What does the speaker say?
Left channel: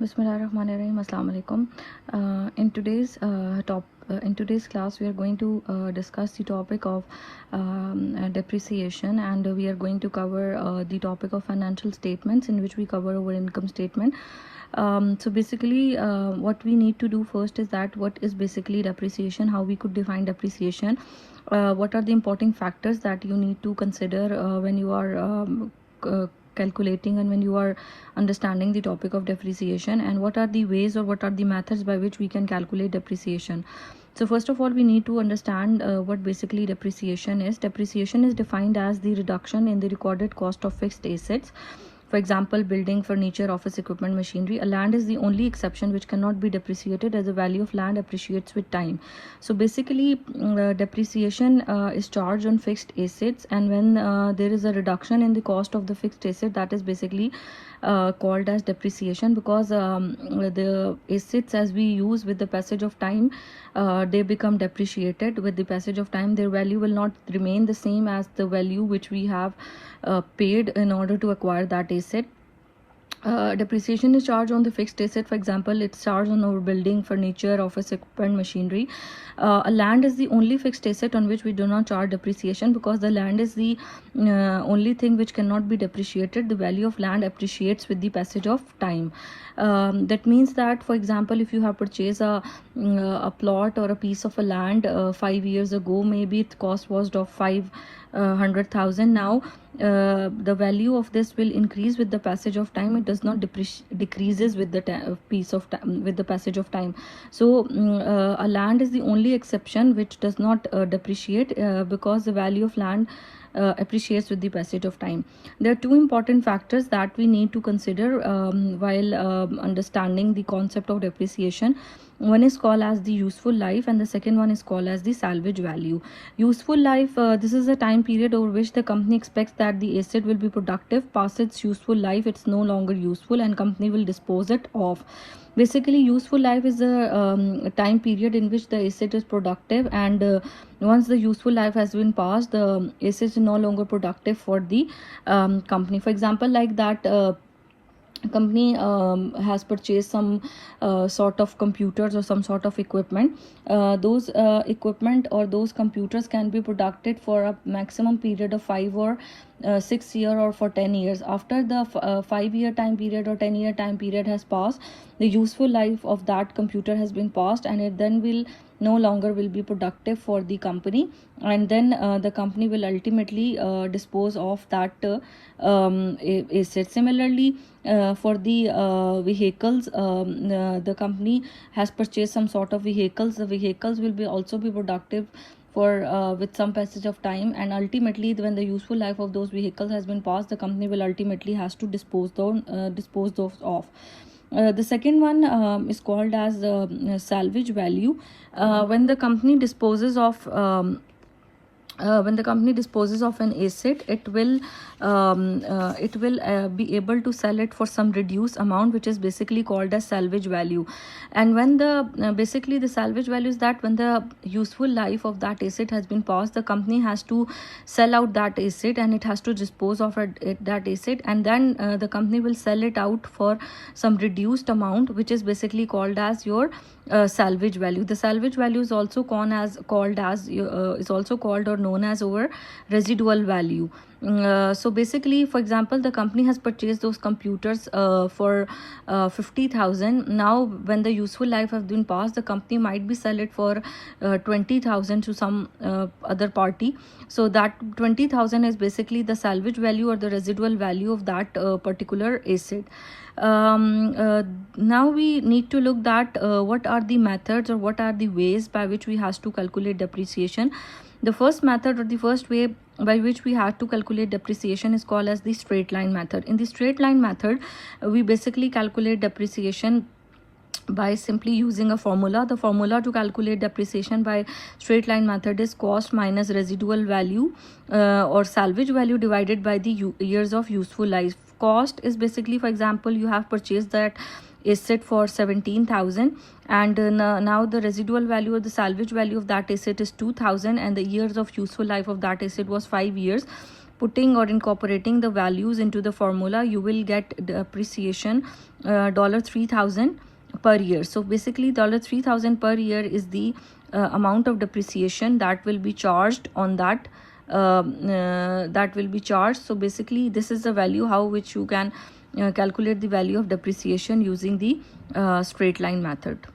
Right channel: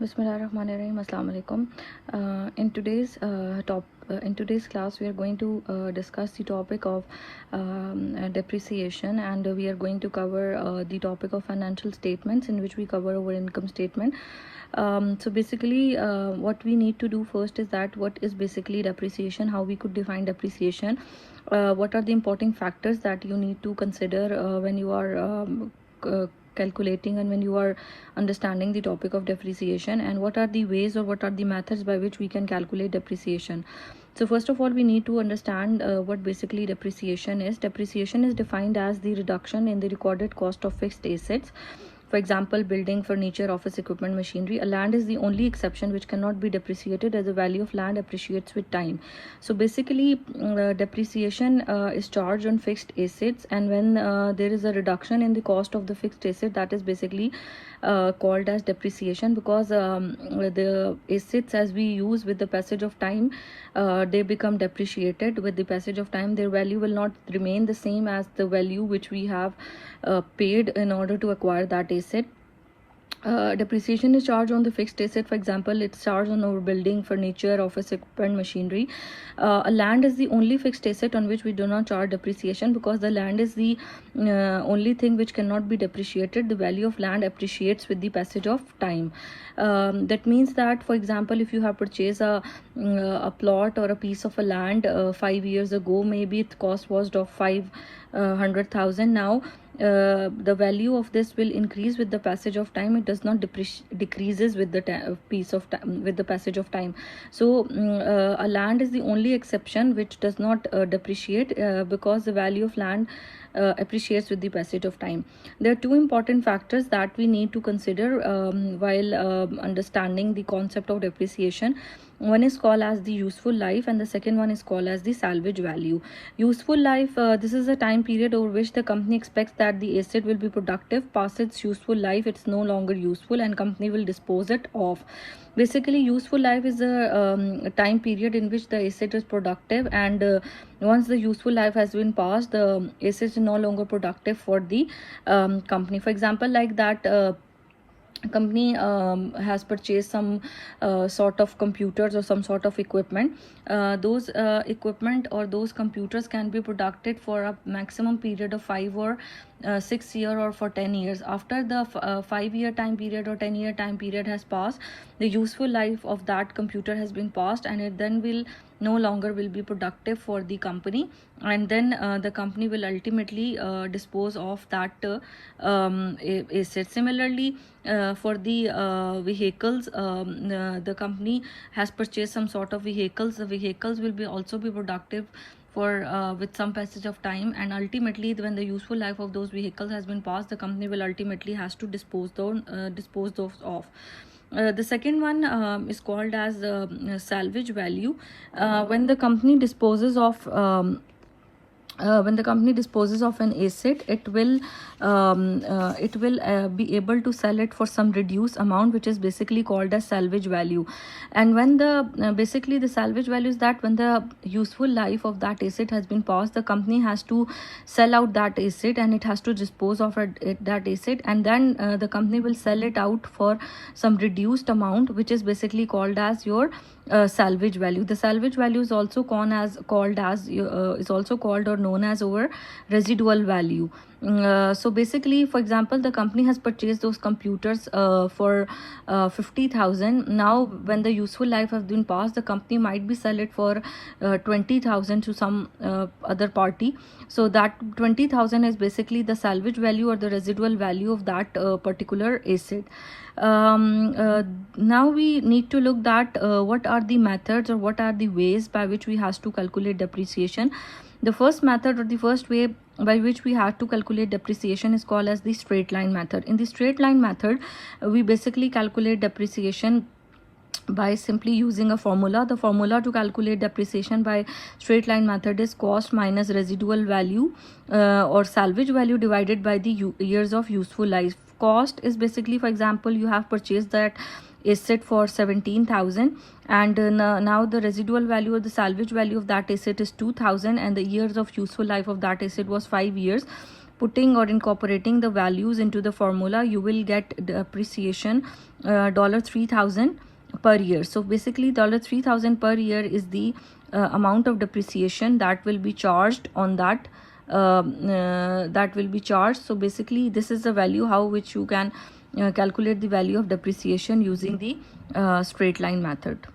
Bismillahirrahmanirrahim. Assalamu alaikum. In today's class, we are going to discuss the topic of depreciation, and we are going to cover the topic of financial statements, in which we cover our income statement. So basically, what we need to do first is that what is basically depreciation, how we could define depreciation, what are the important factors that you need to consider when you are calculating and when you are understanding the topic of depreciation, and what are the ways or what are the methods by which we can calculate depreciation. So first of all, we need to understand what basically depreciation is. Depreciation is defined as the reduction in the recorded cost of fixed assets. For example, building, furniture, office equipment, machinery. A land is the only exception which cannot be depreciated, as the value of land appreciates with time. So basically, depreciation is charged on fixed assets, and when there is a reduction in the cost of the fixed asset, that is basically called as depreciation, because the assets as we use with the passage of time, they become depreciated with the passage of time. Their value will not remain the same as the value which we have paid in order to acquire that asset. Depreciation is charged on the fixed asset. For example, it's charged on our building, furniture, office equipment, machinery. A land is the only fixed asset on which we do not charge depreciation, because the land is the only thing which cannot be depreciated. The value of land appreciates with the passage of time. That means that, for example, if you have purchased a plot or a piece of a land 5 years ago, maybe its cost was of 500,000. Now the value of this will increase with the passage of time. It does not decreases with the with the passage of time. So a land is the only exception which does not depreciate, because the value of land appreciates with the passage of time. There are two important factors that we need to consider while understanding the concept of depreciation. One is called as the useful life, and the second one is called as the salvage value. Useful life, this is a time period over which the company expects that the asset will be productive. Past its useful life, it's no longer useful, and company will dispose it off. Basically, useful life is a time period in which the asset is productive, and once the useful life has been passed, the asset is no longer productive for the company. For example, like that, company has purchased some sort of computers or some sort of equipment. Those equipment or those computers can be productive for a maximum period of 5 or 6 years, or for 10 years. After the 5-year time period or 10-year time period has passed, the useful life of that computer has been passed, and it then will no longer will be productive for the company, and then the company will ultimately dispose of that asset. Similarly, for the vehicles, the company has purchased some sort of vehicles. The vehicles will be also be productive for with some passage of time, and ultimately when the useful life of those vehicles has been passed, the company will ultimately has to dispose those off. The second one is called as salvage value. When the company disposes of an asset, it will be able to sell it for some reduced amount, which is basically called as salvage value. And when the basically the salvage value is that when the useful life of that asset has been passed, the company has to sell out that asset, and it has to dispose of that asset, and then the company will sell it out for some reduced amount, which is basically called as your salvage value. The salvage value is also called or known as our residual value. So basically, for example, the company has purchased those computers for 50,000. Now when the useful life has been passed, the company might be sell it for 20,000 to some other party. So that 20,000 is basically the salvage value or the residual value of that particular asset. Now we need to look at what are the methods or what are the ways by which we have to calculate depreciation. The first method or the first way by which we have to calculate depreciation is called as the straight line method. In the straight line method, we basically calculate depreciation by simply using a formula. The formula to calculate depreciation by straight line method is cost minus residual value or salvage value divided by the years of useful life. Cost is basically, for example, you have purchased that asset for 17,000, and now the residual value or the salvage value of that asset is 2,000, and the years of useful life of that asset was 5 years. putting or incorporating the values into the formula, you will get depreciation $3,000 per year. So basically $3,000 per year is the amount of depreciation that will be charged on that, that will be charged. So basically this is the value how which you can calculate the value of depreciation using the straight line method.